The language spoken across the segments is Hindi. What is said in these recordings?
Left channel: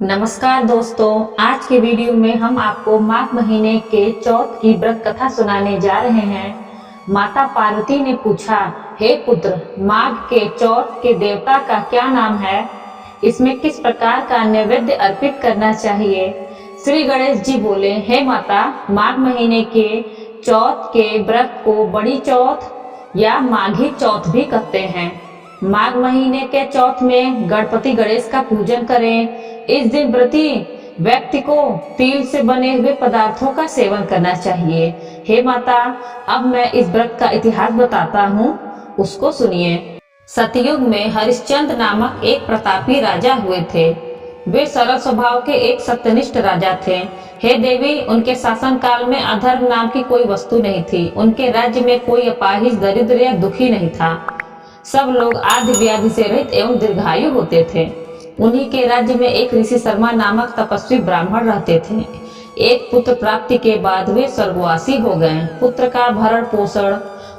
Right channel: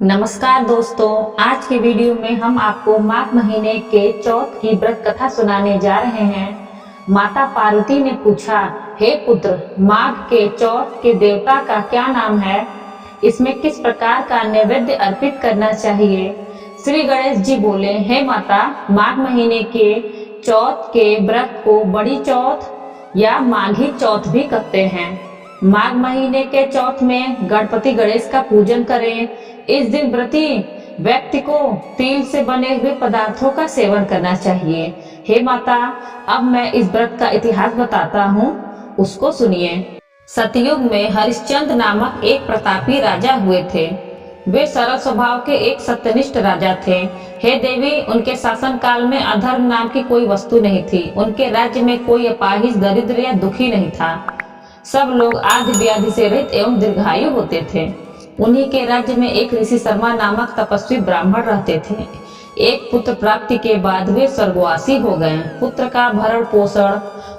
नमस्कार दोस्तों, आज के वीडियो में हम आपको माघ महीने के चौथ की व्रत कथा सुनाने जा रहे हैं। माता पार्वती ने पूछा, हे पुत्र, माघ के चौथ के देवता का क्या नाम है? इसमें किस प्रकार का नैवेद्य अर्पित करना चाहिए? श्री गणेश जी बोले, हे माता, माघ महीने के चौथ के व्रत को बड़ी चौथ या माघी चौथ भी कहते हैं। माघ महीने के चौथ में गणपति गणेश का पूजन करें। इस दिन व्रती व्यक्ति को तिल से बने हुए पदार्थों का सेवन करना चाहिए। हे माता, अब मैं इस व्रत का इतिहास बताता हूँ, उसको सुनिए। सतयुग में हरिश्चंद्र नामक एक प्रतापी राजा हुए थे। वे सरल स्वभाव के एक सत्यनिष्ठ राजा थे। हे देवी, उनके शासन काल में अधर्म नाम की कोई वस्तु नहीं थी। उनके राज्य में कोई अपाहिज, दरिद्र या दुखी नहीं था। सब लोग आदि व्याधि से रहित एवं दीर्घायु होते थे। उन्हीं के राज्य में एक ऋषि शर्मा नामक तपस्वी ब्राह्मण रहते थे। एक पुत्र प्राप्ति के बाद वे स्वर्गवासी हो गए। पुत्र का भरण पोषण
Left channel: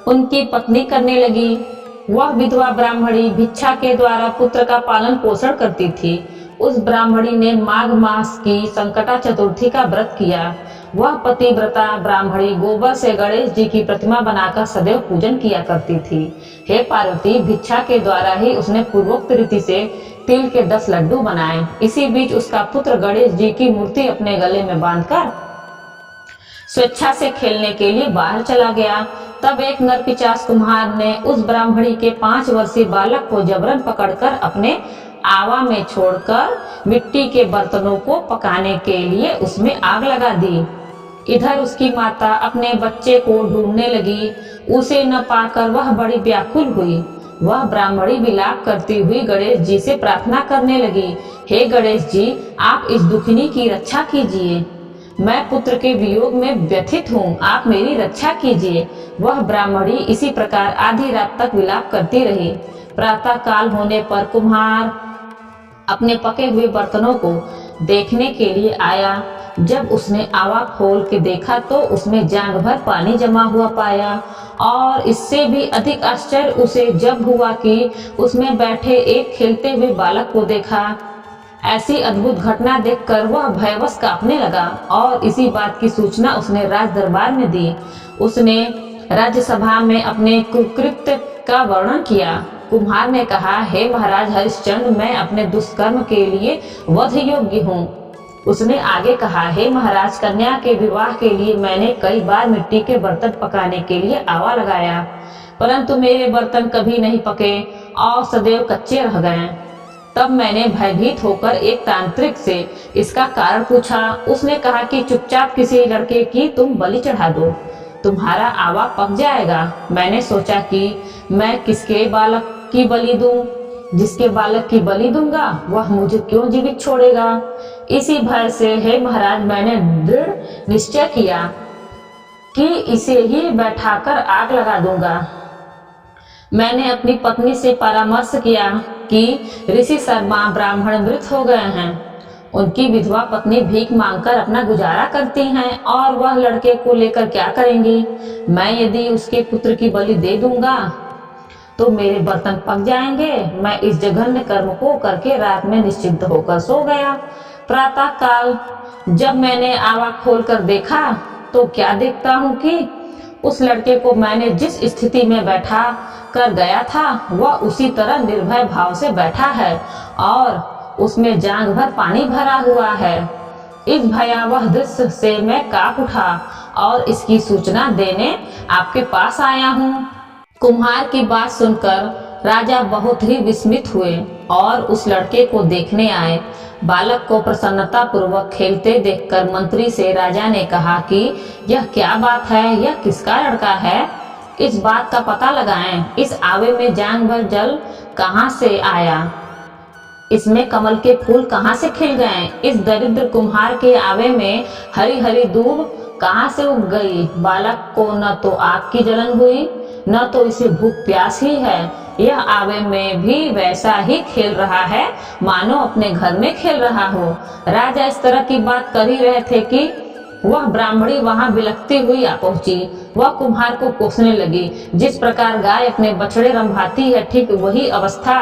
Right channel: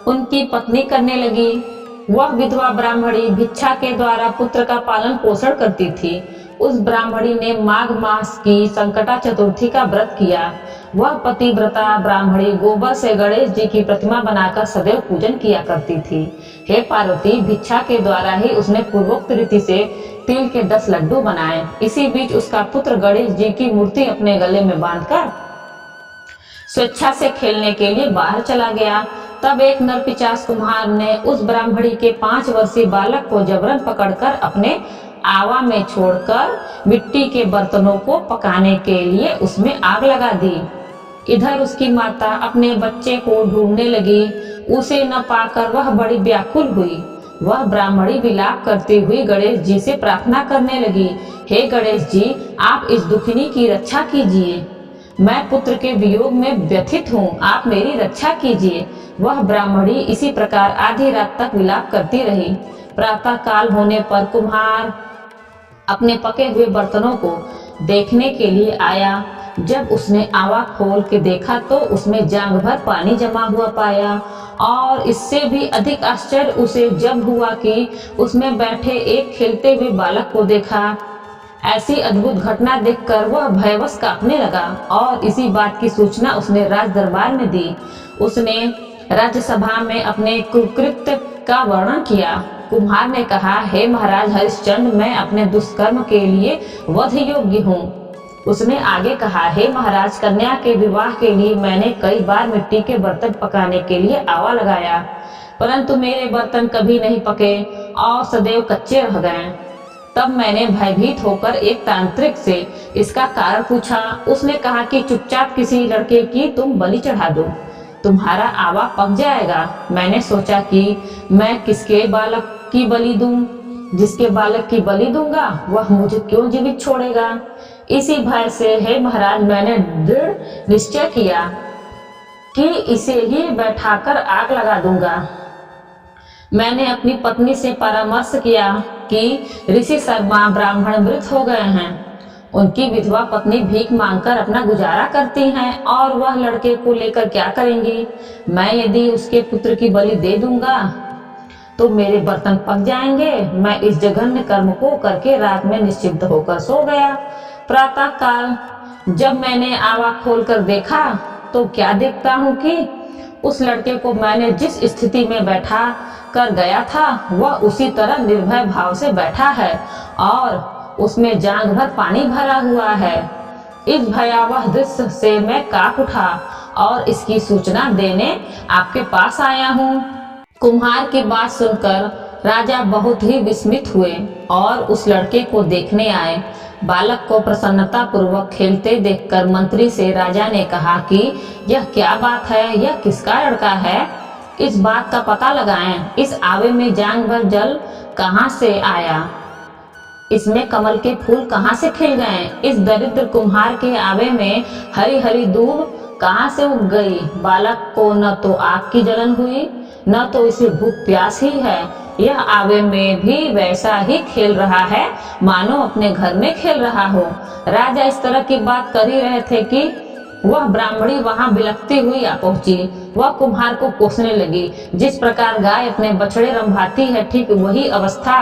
उनकी पत्नी करने लगी। वह विधवा ब्राह्मणी भिक्षा के द्वारा पुत्र का पालन पोषण करती थी। उस ब्राह्मणी ने माघ मास की संकटा चतुर्थी का व्रत किया। वह पतिव्रता ब्राह्मणी गोबर से गणेश जी की प्रतिमा बनाकर सदैव पूजन किया करती थी। हे पार्वती, भिक्षा के द्वारा ही उसने पूर्वोक्त रीति से तिल के 10 लड्डू बनाए। इसी बीच उसका पुत्र गणेश जी की मूर्ति अपने गले में बांधकर स्वेच्छा से खेलने के लिए बाहर चला गया। तब एक नरपिशाच कुम्हार ने उस ब्राह्मणी के 5 वर्षीय बालक को जबरन पकड़कर अपने आवा में छोड़कर मिट्टी के बर्तनों को पकाने के लिए उसमें आग लगा दी। इधर उसकी माता अपने बच्चे को ढूंढने लगी। उसे न पाकर वह बड़ी व्याकुल हुई। वह ब्राह्मणी विलाप करती हुई गणेश जी से प्रार्थना करने लगी, हे गणेश जी, आप इस दुखिनी की रक्षा कीजिए। मैं पुत्र के वियोग में व्यथित हूँ, आप मेरी रक्षा कीजिए। वह ब्राह्मणी इसी प्रकार आधी रात तक विलाप करती रही। प्रातः काल होने पर कुम्हार अपने पके हुए बर्तनों को देखने के लिए आया। जब उसने आवा खोल के देखा तो उसमें जांग भर पानी जमा हुआ पाया। और इससे भी अधिक आश्चर्य उसे जब हुआ कि उसमें बैठे एक खेलते हुए बालक को देखा। ऐसी अद्भुत घटना देखकर वह भयवश कांपने लगा और इसी बात की सूचना उसने राज दरबार में दी। उसने राज्यसभा में अपने कुकृत्य का वर्णन किया। कुम्हार ने कहा, हे महाराज हरिश्चंद्र, मैं अपने दुष्कर्म के लिए वध योग्य हूँ। उसने आगे कहा, हे महाराज, कन्या के विवाह के लिए मैंने कई बार मिट्टी के बर्तन पकाने के लिए आवा लगाया, परंतु मेरे बर्तन कभी नहीं पके और सदैव कच्चे रह गए। तब मैंने भयभीत होकर एक तांत्रिक से इसका कारण पूछा। उसने कहा कि चुपचाप किसी लड़के की तुम बलि चढ़ा दो, तुम्हारा आवा पक जाएगा। मैंने सोचा कि मैं किसके बालक की बलि दूं? जिसके बालक की बलि दूंगा वह मुझे क्यों जीवित छोड़ेगा? इसी भय से, हे महाराज, मैंने दृढ़ निश्चय किया कि इसे ही बैठाकर आग लगा दूंगा। मैंने अपनी पत्नी से परामर्श किया कि ऋषि शर्मा ब्राह्मण मृत हो गए हैं। उनकी विधवा पत्नी भीख मांगकर अपना गुजारा करती हैं और वह लड़के को लेकर क्या करेंगी? मैं यदि उसके पुत्र की बलि दे दूंगा तो मेरे बर्तन पक जाएंगे। मैं इस जघन्य कर्म को करके रात में निश्चिंत होकर सो गया। प्रातः काल जब मैंने आवा खोलकर देखा तो क्या देखता हूँ कि उस लड़के को मैंने जिस स्थिति में बैठा कर गया था वह उसी तरह निर्भय भाव से बैठा है और उसमें जांग भर पानी भरा हुआ है। इस भयावह दृश्य से मैं कांप उठा और इसकी सूचना देने आपके पास आया हूँ। कुम्हार की बात सुनकर राजा बहुत ही विस्मित हुए और उस लड़के को देखने आए। बालक को प्रसन्नता पूर्वक खेलते देखकर मंत्री से राजा ने कहा कि यह क्या बात है, यह किसका लड़का है? इस बात का पता लगाएं। इस आवे में जांग भर जल कहाँ से आया? इसमें कमल के फूल कहाँ से खिल गए? इस दरिद्र कुम्हार के आवे में हरी हरी दूब कहाँ से उग गई? बालक को न तो आग की जलन हुई, न तो इसे भूख प्यास ही है। यह आवे में भी वैसा ही खेल रहा है मानो अपने घर में खेल रहा हो। राजा इस तरह की बात कर ही रहे थे कि वह ब्राह्मणी वहां बिलखती हुई आ पहुंची। वह कुम्हार को कोसने लगी। जिस प्रकार गाय अपने बछड़े रंभाती है, ठीक वही अवस्था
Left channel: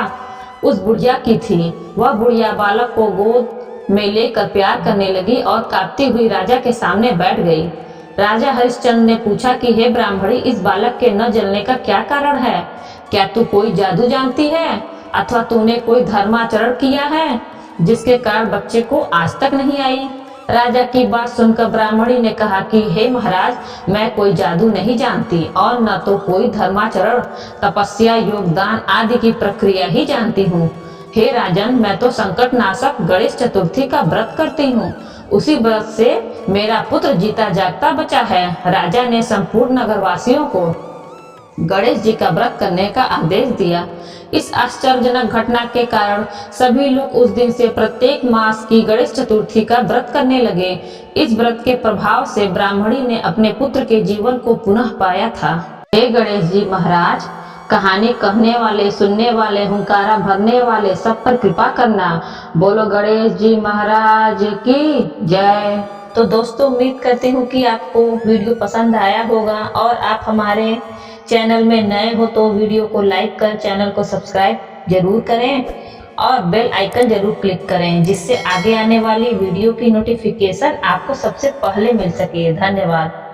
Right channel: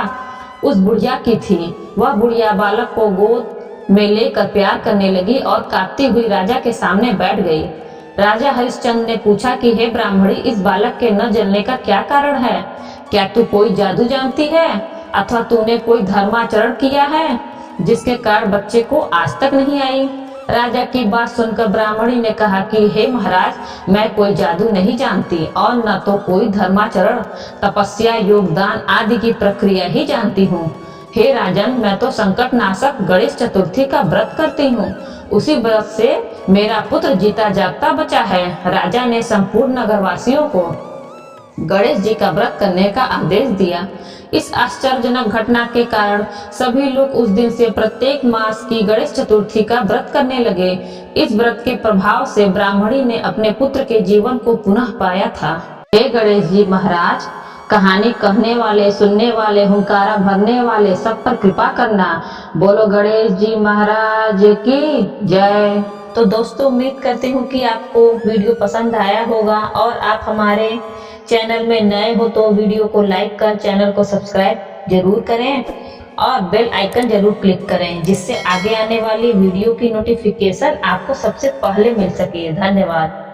उस बुढ़िया की थी। वह बुढ़िया बालक को गोद में लेकर प्यार करने लगी और कांपती हुई राजा के सामने बैठ गई। राजा हरिश्चंद्र ने पूछा कि हे ब्राह्मणी, इस बालक के न जलने का क्या कारण है? क्या तू कोई जादू जानती है अथवा तूने कोई धर्माचरण किया है जिसके कारण बच्चे को आज तक नहीं आई? राजा की बात सुनकर ब्राह्मणी ने कहा कि हे महाराज, मैं कोई जादू नहीं जानती और न तो कोई धर्माचरण, तपस्या, योगदान आदि की प्रक्रिया ही जानती हूँ। हे राजन, मैं तो संकट नाशक गणेश चतुर्थी का व्रत करती हूँ। उसी व्रत से मेरा पुत्र जीता जागता बचा है। राजा ने संपूर्ण नगरवासियों को गणेश जी का व्रत करने का आदेश दिया। इस आश्चर्यजनक घटना के कारण सभी लोग उस दिन से प्रत्येक मास की गणेश चतुर्थी का व्रत करने लगे। इस व्रत के प्रभाव से ब्राह्मणी ने अपने पुत्र के जीवन को पुनः पाया था। हे गणेश जी महाराज, कहानी कहने वाले, सुनने वाले, हुंकारा भरने वाले सब पर कृपा करना। बोलो गणेश जी महाराज की जय। तो दोस्तों, उम्मीद करती हूँ कि आपको वीडियो पसंद आया होगा और आप हमारे चैनल में नए हो तो वीडियो को लाइक कर चैनल को सब्सक्राइब जरूर करें और बेल आइकन जरूर क्लिक करें, जिससे आगे आने वाली वीडियो की नोटिफिकेशन आपको सबसे पहले मिल सके। धन्यवाद।